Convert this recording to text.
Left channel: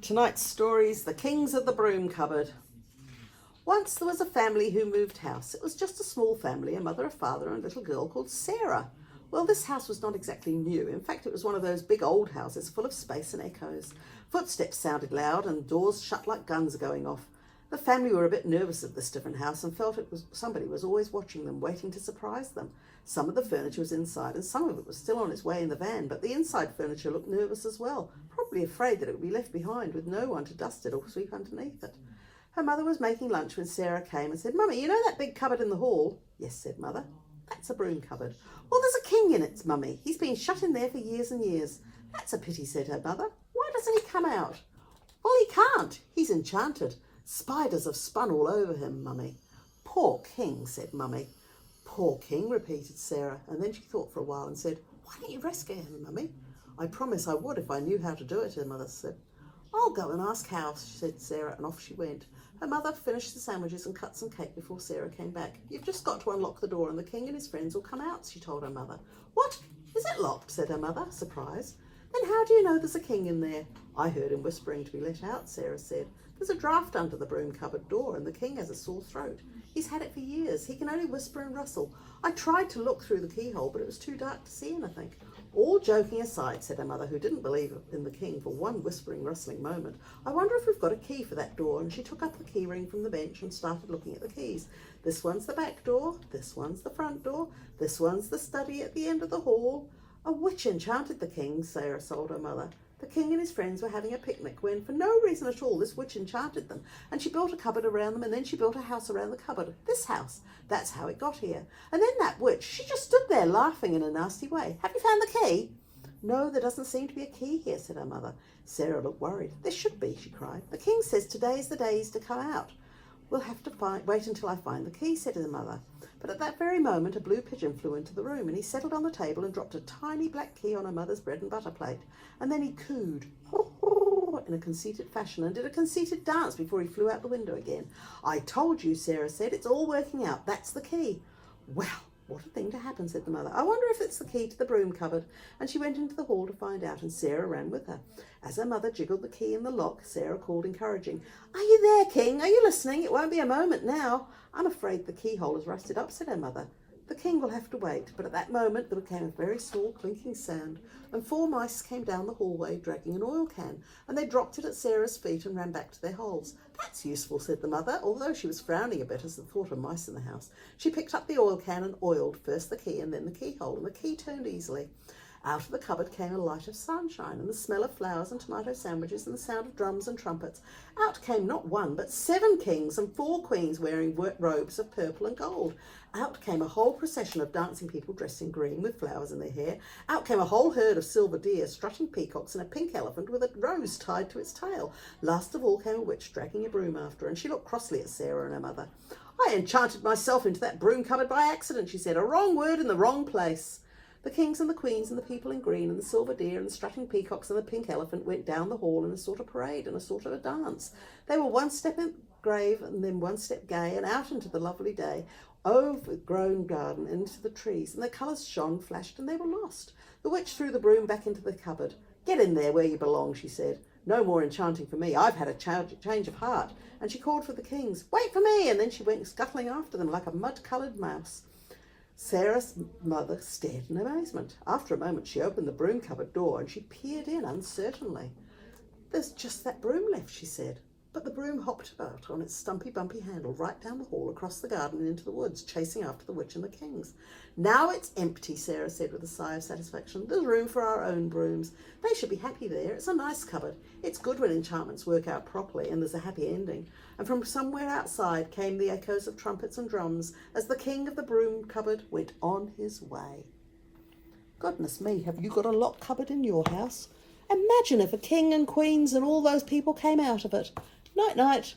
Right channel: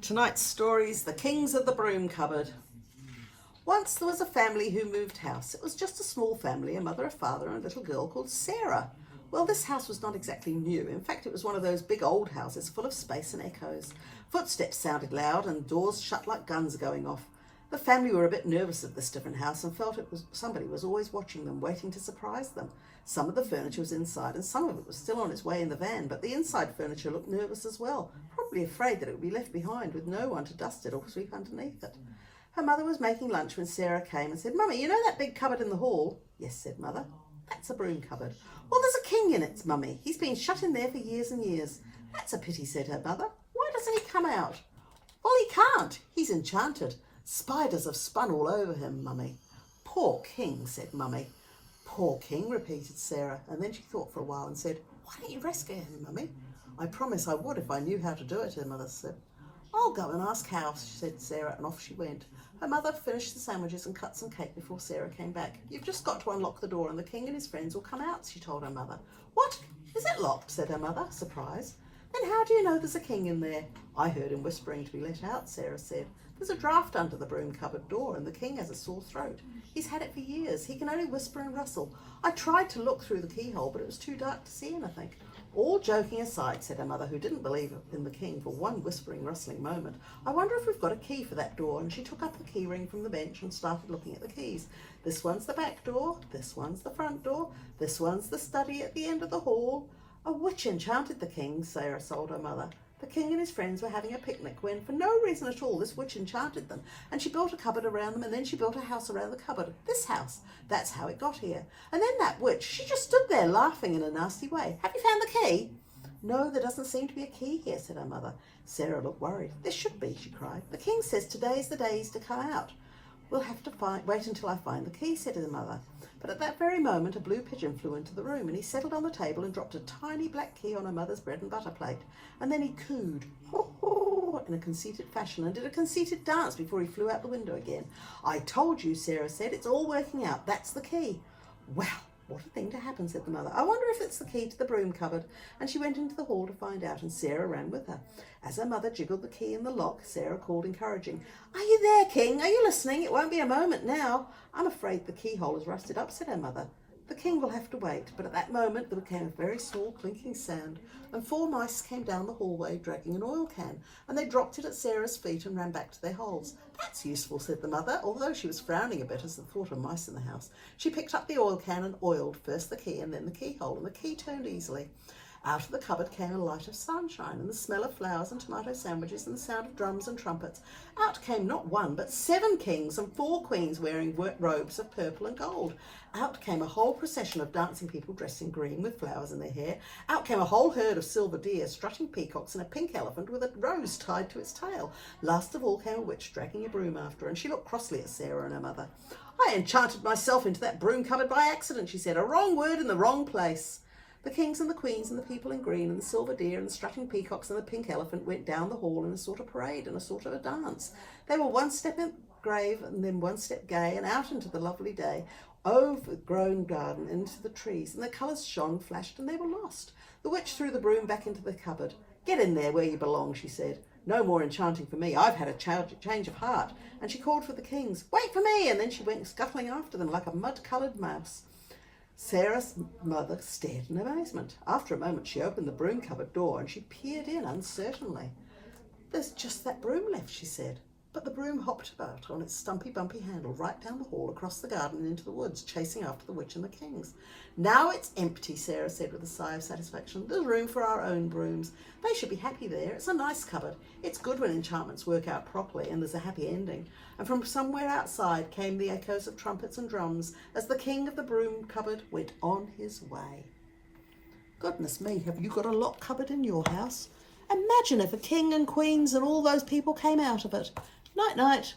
Tonight's story's The Kings of the Broom Cupboard. Once there was a family who moved house. It was just a small family, a mother, a father, and a little girl called Sarah. Well, this house was not exactly new. In fact, it was one of those big old houses full of space and echoes. Footsteps sounded loud and doors shut like guns going off. The family were a bit nervous at this different house and felt somebody was always watching them, waiting to surprise them. Some of the furniture was inside and some of it was still on its way in the van, but the inside furniture looked nervous as well, probably afraid that it would be left behind with no one to dust it or sweep underneath it. Her mother was making lunch when Sarah came and said, "Mummy, you know that big cupboard in the hall?" "Yes," said Mother. "That's a broom cupboard." "Well, there's a king in it, Mummy. He's been shut in there for years and years." "That's a pity," said her mother. "Why doesn't he come out?" "Well, he can't. He's enchanted. Spiders have spun all over him, Mummy." "Poor king," said Mummy. "Poor king," repeated Sarah, and then she thought for a while and said, "Why don't you rescue him, Mummy?" "I promise I would if I knew how to do it," her mother said. "I'll go and ask how," said Sarah, and off she went. Her mother finished the sandwiches and cut some cake before Sarah came back. "You've just got to unlock the door and the king and his friends will come out," she told her mother. "What? Is it locked?" said her mother, surprised. "Then how do you know there's a king in there?" "I heard him whispering to be let out," Sarah said. "There's a draft under the broom cupboard door and the king has a sore throat. He's had it for years. He can only whisper and rustle. I tried to look through the keyhole, but it was too dark to see anything." "All joking aside," said her mother, who didn't believe in the king for one whispering, rustling moment, "I wonder if we've got a key for that door." And she took up the key ring from the bench and started looking at the keys. "This one's the back door, this one's the front door, this one's the study at the end of the hall." "A witch enchanted the king," Sarah told her mother. "The king and his friends were having a picnic when, for no reason at all, this witch enchanted them, and she built a cupboard around them, and then she built a house around the cupboard. This house. That's how it got here. And then that witch, she just stood there laughing in a nasty way. Have you found the key?" "No, there doesn't seem to be a key here," said her mother. Sarah looked worried. "There should be," she cried. "The king says today's the day he's to come out." "We'll have to wait until I find the key," said her mother. But at that very moment a blue pigeon flew into the room, and he settled on the table and dropped a tiny black key on her mother's bread and butter plate. And then he cooed, "Ho, ho," in a conceited fashion, and did a conceited dance before he flew out the window again. "I told you," Sarah said. "It's all working out. That's the key." "Well, what a thing to happen," said the mother. "I wonder if it's the key to the broom cupboard." And she went into the hall to find out, and Sarah ran with her. As her mother jiggled the key in the lock, Sarah called encouraging, "Are you there, King? Are you listening? It won't be a moment now." "I'm afraid the keyhole is rusted up," said her mother. "The king will have to wait." But at that moment there came a very small clinking sound, and 4 mice came down the hallway dragging an oil can, and they dropped it at Sarah's feet and ran back to their holes. "That's useful," said the mother, although she was frowning a bit as the thought of mice in the house. She picked up the oil can and oiled first the key and then the keyhole, and the key turned easily. Out of the cupboard came a light of sunshine and the smell of flowers and tomato sandwiches and the sound of drums and trumpets. Out came not 1 but 7 kings and 4 queens wearing robes of purple and gold. Out came a whole procession of dancing people dressed in green with flowers in their hair. Out came a whole herd of silver deer, strutting peacocks, and a pink elephant with a rose tied to its tail. Last of all came a witch dragging a broom after her, and she looked crossly at Sarah and her mother. "I enchanted myself into that broom cupboard by accident," she said. "A wrong word in the wrong place." The kings and the queens and the people in green and the silver deer and the strutting peacocks and the pink elephant went down the hall in a sort of parade and a sort of a dance. They were 1 step in grave and then 1 step gay, and out into the lovely day, over the grown garden and into the trees, and the colours shone, flashed, and they were lost. The witch threw the broom back into the cupboard. "Get in there where you belong," she said. "No more enchanting for me. I've had a change of heart." And she called for the kings. "Wait for me!" And then she went scuttling after them like a mud-coloured mouse. Sarah's mother stared in amazement. After a moment she opened the broom cupboard door and she peered in uncertainly. "There's just that broom left," she said. But the broom hopped about on its stumpy bumpy handle right down the hall, across the garden and into the woods, chasing after the witch and the kings. "Now it's empty," Sarah said with a sigh of satisfaction. "There's room for our own brooms. They should be happy there. It's a nice cupboard. It's good when enchantments work out properly and there's a happy ending." And from somewhere outside came the echoes of trumpets and drums as the king of the broom cupboard went on his way. Goodness me, have you got a locked cupboard in your house? Imagine if a king and queens and all those people came out of it. Night, night.